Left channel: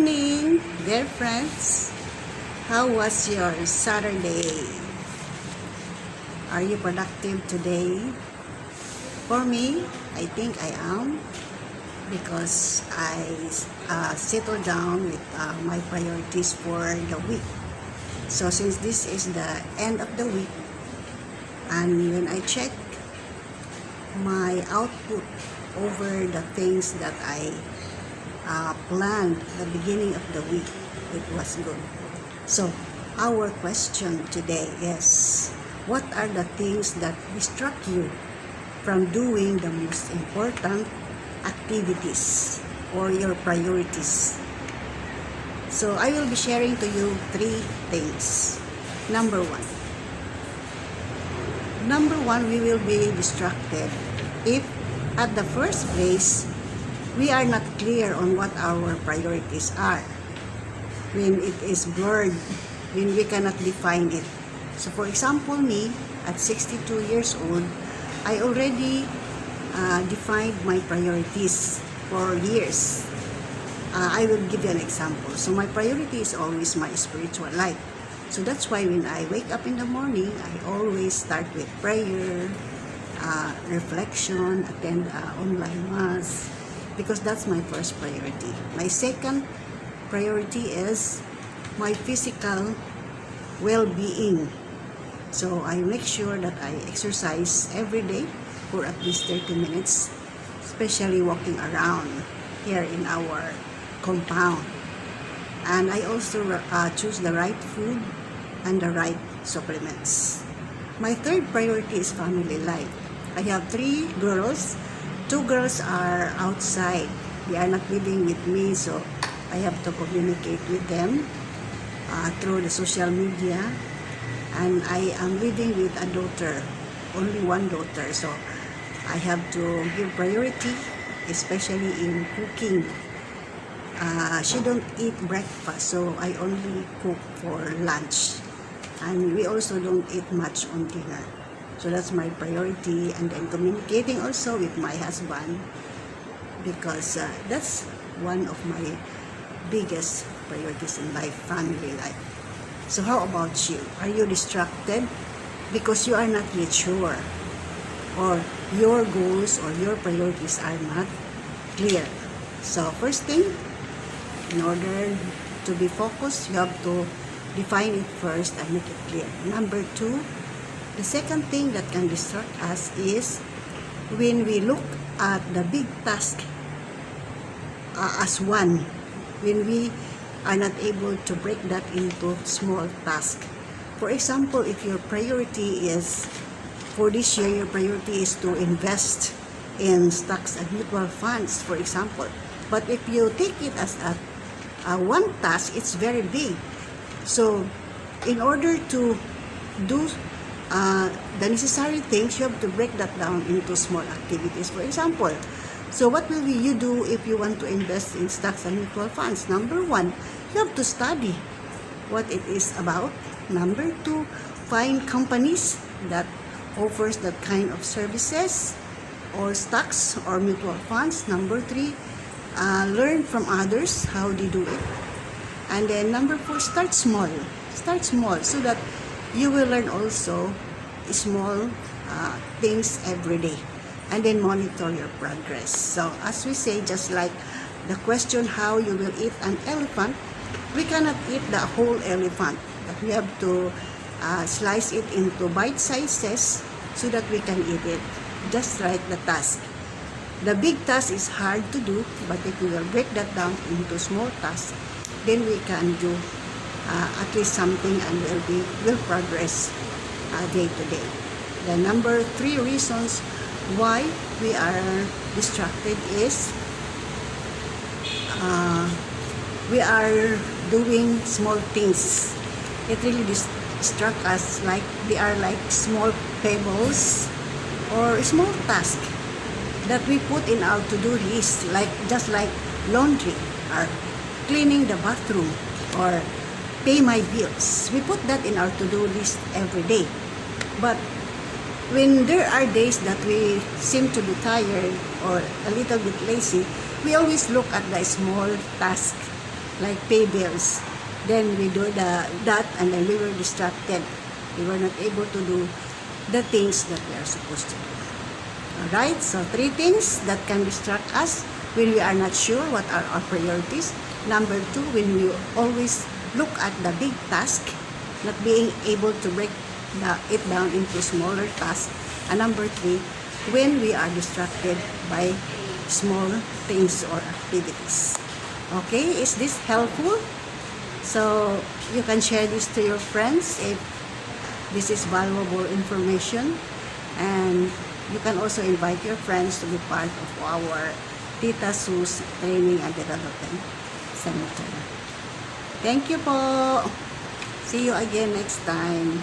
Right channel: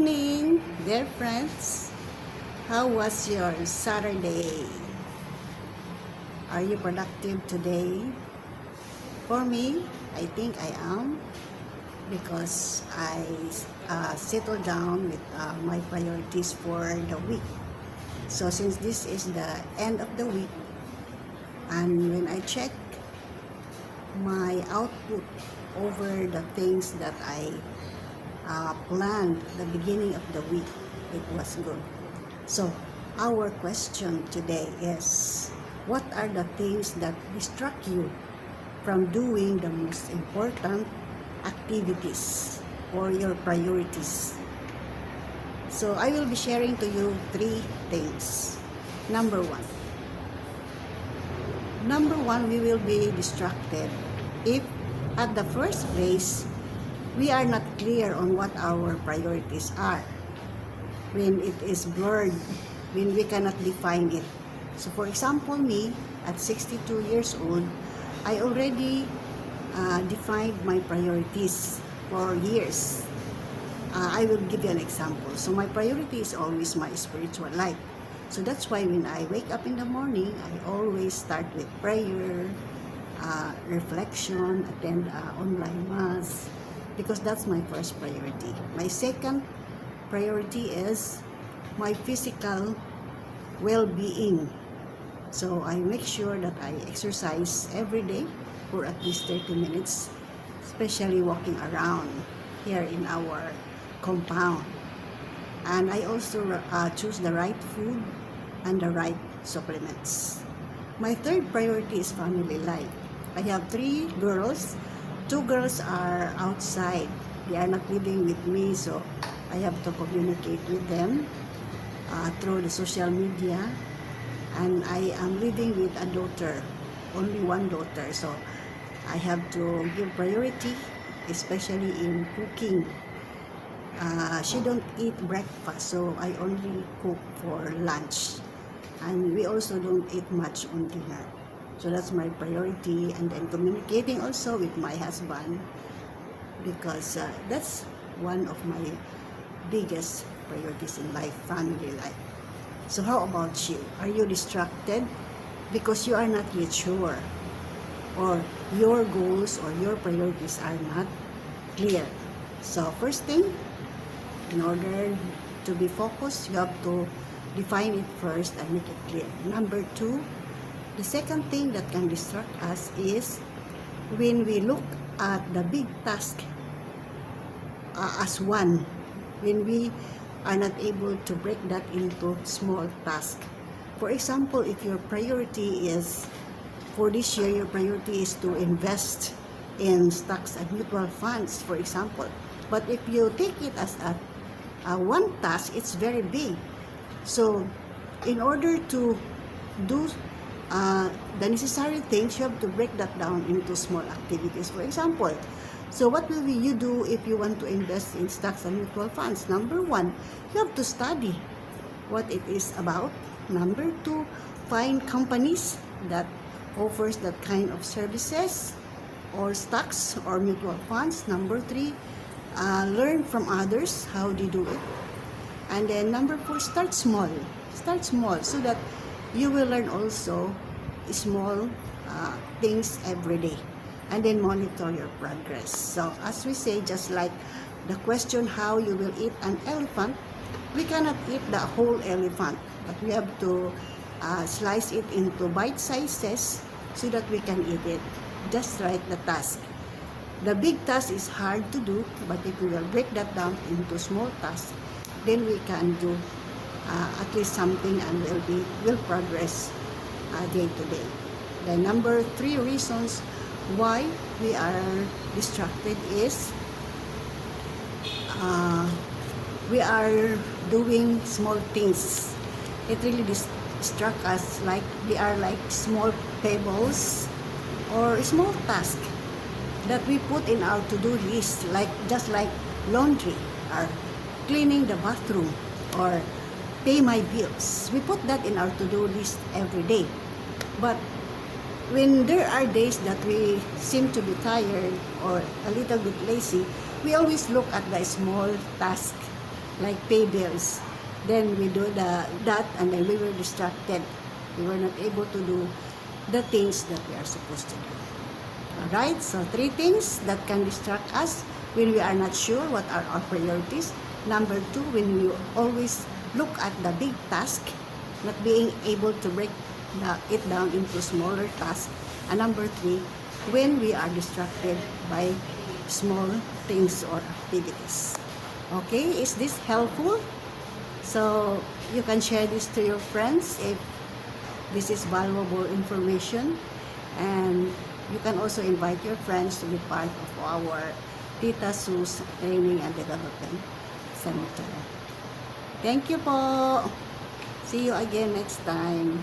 evening, dear friends. How was your Saturday? Are you productive today? For me, I think I am because I settled down with my priorities for the week. So since this is the end of the week, and when I check my output over the things that I planned at the beginning of the week, it was good. So our question today is, what are the things that distract you from doing the most important activities or your priorities? So I will be sharing to you 3 things. Number one, we will be distracted if at the first place we are not clear on what our priorities are. When it is blurred, when we cannot define it. So for example, me at 62 years old, I already defined my priorities for years. I will give you an example. So my priority is always my spiritual life. So that's why when I wake up in the morning, I always start with prayer, reflection, attend online mass, because that's my first priority. My second priority is my physical well-being. So I make sure that I exercise every day for at least 30 minutes, especially walking around here in our compound. And I also choose the right food and the right supplements. My third priority is family life. I have 3 girls. 2 girls are outside. They are not living with me, so I have to communicate with them through the social media. And I am living with a daughter, only one daughter, so I have to give priority, especially in cooking. She don't eat breakfast, so I only cook for lunch. And we also don't eat much on dinner. So that's my priority. And then communicating also with my husband, because that's one of my biggest priorities in life, family life. So how about you? Are you distracted because you are not yet sure, or your goals or your priorities are not clear? So first thing, in order to be focused, you have to define it first and make it clear. Number 2, the second thing that can distract us is when we look at the big task as one, when we are not able to break that into small tasks. For example, if your priority is, for this year, your priority is to invest in stocks and mutual funds, for example. But if you take it as a one task, it's very big. So in order to do the necessary things, you have to break that down into small activities. For example, so what will you do if you want to invest in stocks and mutual funds? Number 1, you have to study what it is about. Number 2, find companies that offers that kind of services or stocks or mutual funds. Number 3, learn from others how they do it. And then number 4, start small. Start small so that you will learn also small things every day. And then monitor your progress. So as we say, just like the question how you will eat an elephant, we cannot eat the whole elephant, but we have to slice it into bite sizes so that we can eat it. Just like the task. The big task is hard to do, but if we will break that down into small tasks, then we can do at least something, and then we will progress day to day. The number 3 reasons why we are distracted is we are doing small things. It really distracts us, like they are like small pebbles or small tasks that we put in our to-do list, like just like laundry or cleaning the bathroom or pay my bills. We put that in our to-do list every day. But when there are days that we seem to be tired or a little bit lazy, we always look at the small task like pay bills. Then we do that and then we were distracted. We were not able to do the things that we are supposed to do. Alright, so 3 things that can distract us when we are not sure what are our priorities. Number 2, when we always look at the big task, not being able to break it down into smaller tasks. And number 3, when we are distracted by small things or activities. Okay, is this helpful? So you can share this to your friends if this is valuable information, and you can also invite your friends to be part of our Tita Su's Training and Development Center. Thank you po. See you again next time.